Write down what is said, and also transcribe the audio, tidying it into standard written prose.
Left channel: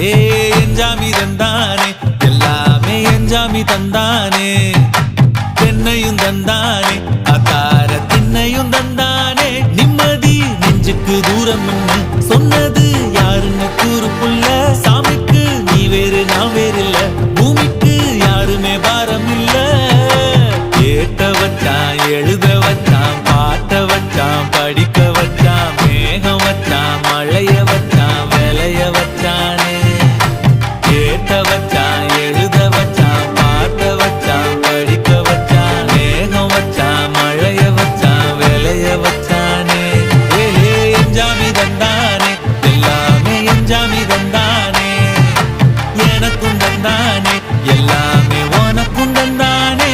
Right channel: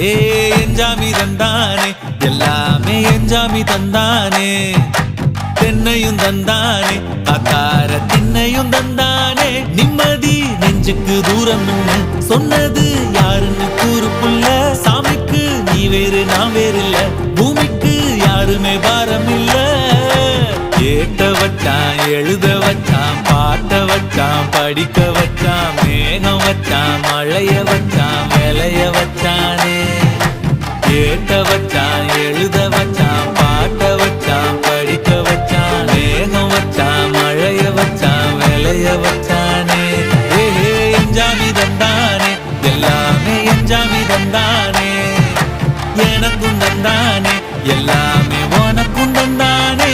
ஏ எஞ்சாமி தந்தானே எல்லாமே எஞ்சாமி தந்தானே தென்னையும் தந்தானே காத்தார திண்ணையும் தந்தானே நிம்மதி நெஞ்சுக்கு தூரம்னு சொன்னது யாருன்னு கூறு புள்ள சாமிக்கு நீ வேறு நான் வேறு இல்ல பூமிக்கு யாருமே பாரம் இல்ல ஏட்ட வச்சான் எழுத வச்சான் பாட்ட வச்சான் படிக்க வச்சான் மேகம் வச்சான் மழைய வச்சான் விளைய வச்சானே ஏட்ட வச்சான் எழுத வச்சான் பாட்ட வச்சான் படிக்க வச்சான் மேகம் வச்சான் மழைய வச்சான் விளைய வச்சானே ஏஹே எஞ்சாமி தந்தானே எல்லாமே எஞ்சாமி தந்தானே எனக்கும் தந்தானே எல்லாமே உனக்கும் தந்தானே